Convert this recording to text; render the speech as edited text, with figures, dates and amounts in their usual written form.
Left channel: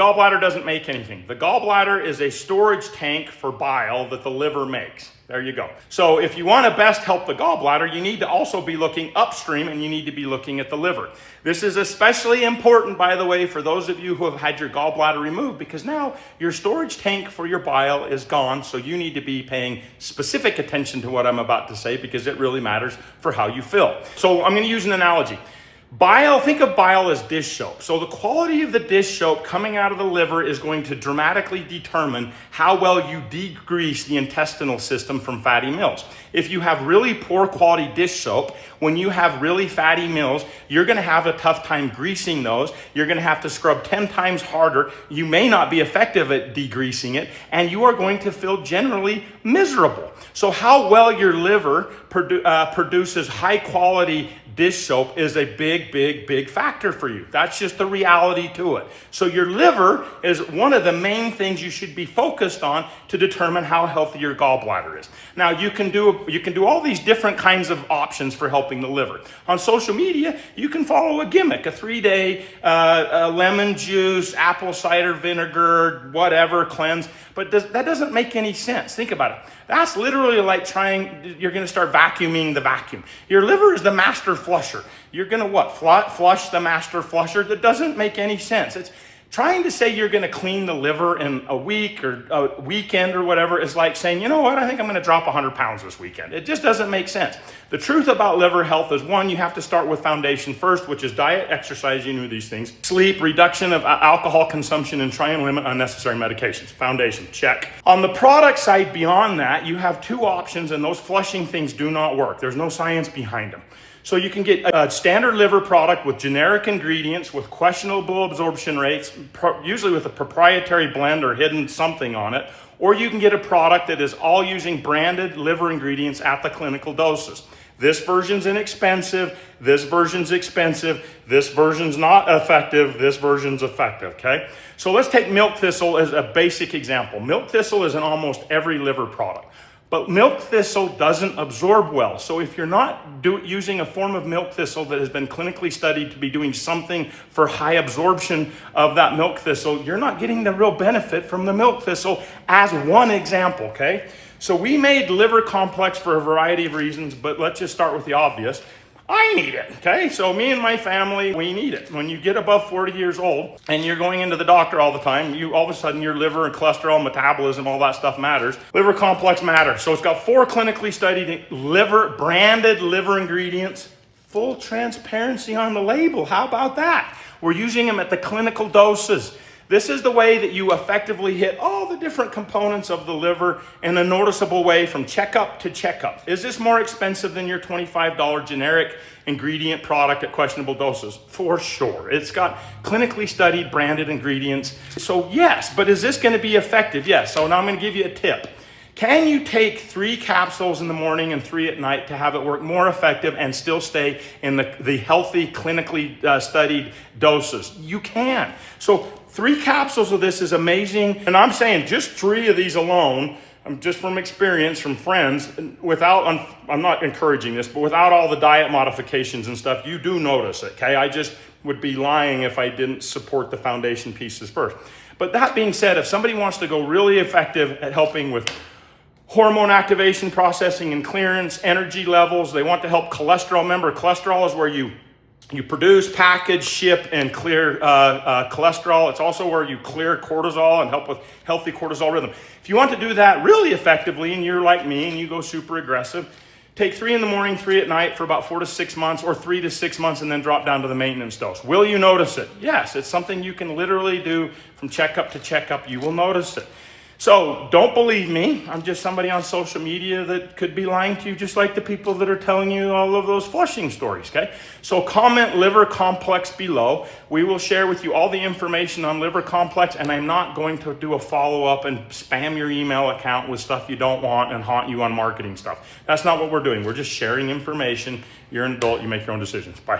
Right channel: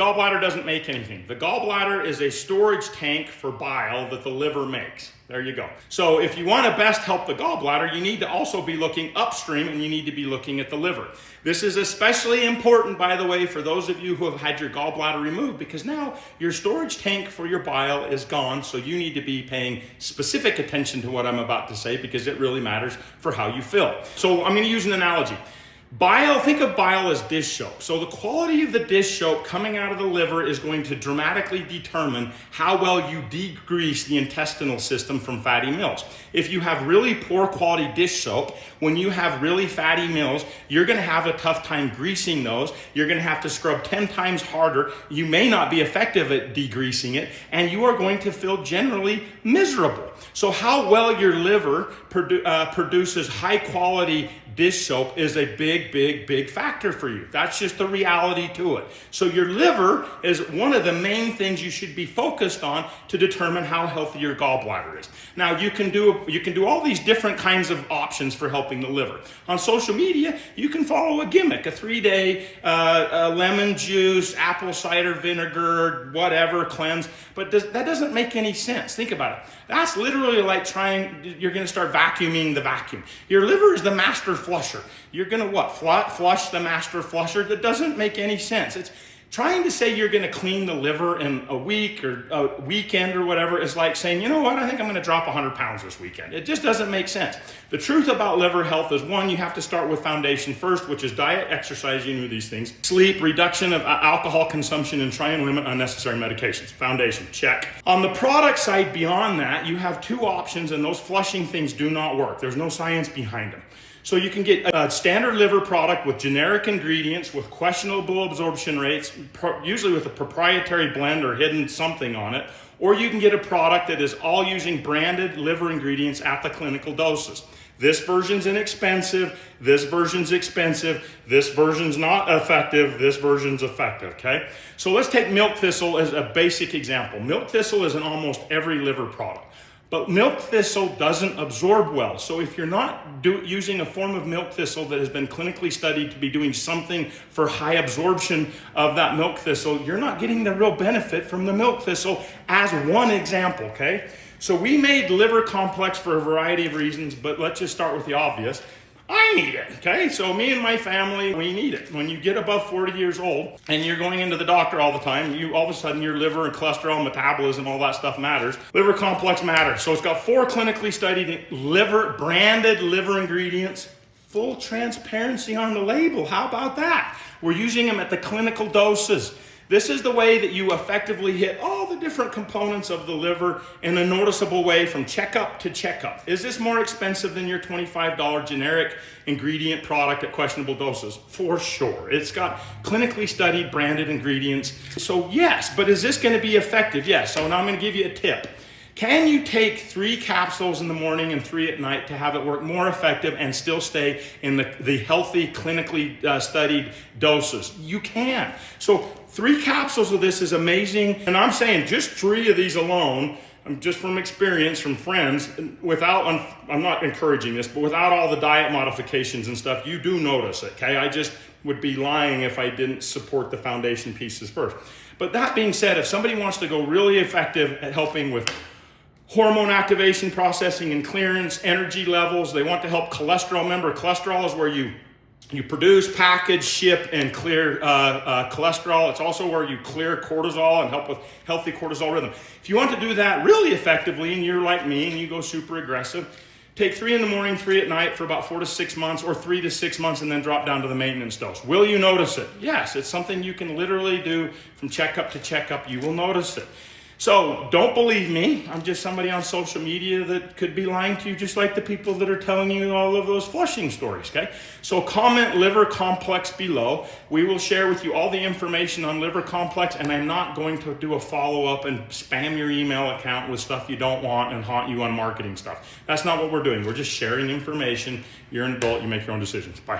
gallbladder doesn't make anything. The gallbladder is a storage tank for bile that the liver makes. There you go. So if you want to best help the gallbladder, you need to also be looking upstream and you need to be looking at the liver. This is especially important, by the way, for those of you who have had your gallbladder removed, because now your storage tank for your bile is gone. So you need to be paying specific attention to what I'm about to say because it really matters for how you feel. So I'm going to use an analogy. Bile, think of bile as dish soap. So the quality of the dish soap coming out of the liver is going to dramatically determine how well you degrease the intestinal system from fatty meals. If you have really poor quality dish soap, when you have really fatty meals, you're going to have a tough time greasing those. You're going to have to scrub 10 times harder. You may not be effective at degreasing it, and you are going to feel generally miserable. So how well your liver produces high quality dish soap is a big factor for you. That's just the reality to it. So your liver is one of the main things you should be focused on to determine how healthy your gallbladder is. Now you can do all these different kinds of options for helping the liver. On social media, you can follow a gimmick, a 3-day lemon juice, apple cider vinegar, whatever cleanse, but that doesn't make any sense. Think about it. That's literally like you're going to start vacuuming the vacuum. Your liver is the master flusher. You're going to what? Flush the master flusher? That doesn't make any sense. It's trying to say you're going to clean the liver in a week or a weekend or whatever is like saying, you know what, I think I'm going to drop 100 pounds this weekend. It just doesn't make sense. The truth about liver health is, one, you have to start with foundation first, which is diet, exercise, you know these things, sleep, reduction of alcohol consumption, and try and limit unnecessary medications. Foundation, check. On the product side beyond that, you have two options, and those flushing things do not work. There's no science behind them. So you can get a standard liver product with generic ingredients with questionable absorption rates, usually with a proprietary blend or hidden something on it, or you can get a product that is all using branded liver ingredients at the clinical doses. This version's inexpensive, this version's expensive, this version's not effective, this version's effective, okay? So let's take milk thistle as a basic example. Milk thistle is in almost every liver product. But milk thistle doesn't absorb well. So if you're not using a form of milk thistle that has been clinically studied to be doing something for high absorption of that milk thistle, you're not getting the real benefit from the milk thistle as one example, okay? So we made liver complex for a variety of reasons, but let's just start with the obvious. I need it, okay? So me and my family, we need it. When you get above 40 years old and you're going into the doctor all the time, all of a sudden your liver and cholesterol, metabolism, all that stuff matters. Liver complex matters. So it's got 4 clinically studied branded liver ingredients, full transparency on the label. How about that? We're using them at the clinical doses. This is the way that you effectively hit all the different components of the liver in a noticeable way from checkup to checkup. Is this more expensive than your $25 generic ingredient product at questionable doses? For sure. It's got clinically studied branded ingredients. So yes, but is this going to be effective? Yes. So now I'm going to give you a tip. Can you take 3 capsules in the morning and 3 at night to have it work more effective and still stay in the healthy, clinically studied doses? You can. So 3 capsules of this is amazing. And I'm saying just 3 of these alone, just from experience, from friends, I'm not encouraging this, but without all the diet modifications and stuff, you do notice it, okay? I just would be lying if I didn't support the foundation pieces first. But that being said, if somebody wants to go really effective at helping with hormone activation, processing, and clearance, energy levels. They want to help cholesterol. Remember, cholesterol is where you produce, package, ship, and clear cholesterol. It's also where you clear cortisol and help with healthy cortisol rhythm. If you want to do that really effectively, and you're like me and you go super aggressive, take 3 in the morning, 3 at night for about 4 to 6 months, or 3 to 6 months, and then drop down to the maintenance dose. Will you notice it? Yes, it's something you can literally do from checkup to checkup. You will notice it. So don't believe me. I'm just somebody on social media that could be lying to you, just like the people that are telling you all of those flushing stories, okay? So comment liver complex below. We will share with you all the information on liver complex, and I'm not going to do a follow-up and spam your email account with stuff you don't want and haunt you on marketing stuff. That's not what we're doing. We're just sharing information. You're an adult. You make your own decisions. Bye.